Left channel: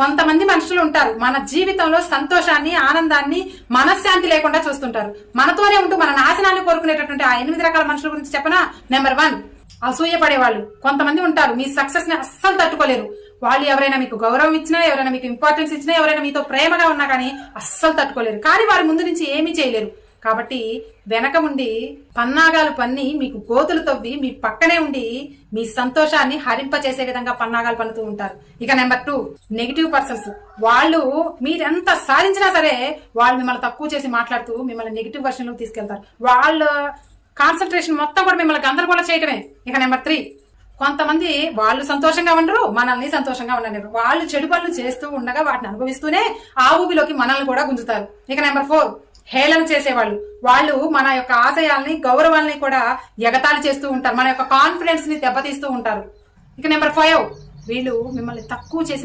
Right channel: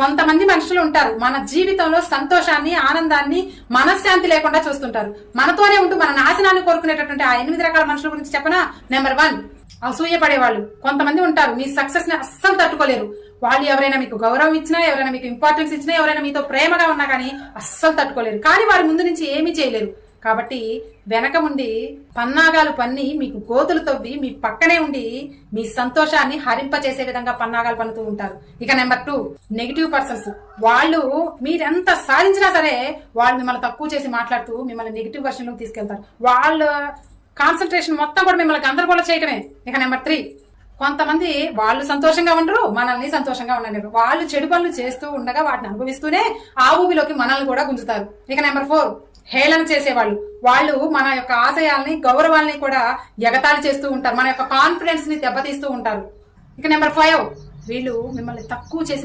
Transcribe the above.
కొంతమంది మనుషులు ఉంటారు మన జీవితంలో సంతోషాన్ని, ఆనందాన్ని, మనశ్శాంతి లేకుండా చూస్తుంటారు. మనతోనే ఉంటూ మన నాశనాన్ని కోరుకునేటటువంటి ఆ 8 రకాల మనుషుల గురించి చెప్పనా? నెంబర్ 1, అసూయపడేవాళ్ళు. కొంతమంది ఉంటారు మీ సక్సెస్ ని అస్సలు తట్టుకోలేరు. వాళ్ళు ఎవరైనా మీకు గౌరవం ఇచ్చినా, ఎవరైనా మీకు ఇంపార్టెన్స్ ఇచ్చినా, ఎవరైనా మీతో ప్రేమగా ఉన్నా కానీ అస్సలు తట్టుకోలేరు. కానీ వారి ముందు నుంచి ఏమీ చేయలేరు. కాబట్టి వెనక ఉండి పన్నాగాలు పన్ని మీకు గోతులు తవ్వి మీ పక్కనే ఉండి మీ సంతోషాన్ని హరింప చేసే విధంగా పన్నాగాలు పన్నుతూ ఉంటారు. ఇక నెంబర్ 2, నెగిటివ్ పర్సన్స్. వాళ్ళు మీరెంత సాధించినా సరే వాళ్ళు మిమ్మల్ని తక్కువ చేసి మాట్లాడుతూ మిమ్మల్ని నెగిటివ్ వర్షన్ లోకి తీసుకెళ్తారు. వాళ్ళ కాన్సన్ట్రేషన్ మొత్తం కూడా మిమ్మల్ని గందరగోళం చేయటమే. ఇక నెంబర్ 3, కొంతమంది వాళ్ళు సంతోషంగా ఉండరు, మనల్ని సంతోషంగా ఉండలేరు. వాళ్ళు చెడు పనులు చేస్తూ ఉండగా వాటిని అనుభవిస్తూనే ఆ ఊబిలోకి మనల్ని కూడా గుంజుతారు. ఇక నెంబర్ 4, హేళన చేసేవాళ్ళు. వాళ్ళు మన యొక్క ఆశయాల్ని, గౌరవాల్ని కూడా ఎగతాళి చేస్తూ ఉంటారు. మన యొక్క కాన్ఫిడెన్స్ ని దెబ్బతీస్తూ ఉంటారు. ఇక నెంబర్ 5, వీళ్ళు మిమ్మల్ని తక్కువ చేసి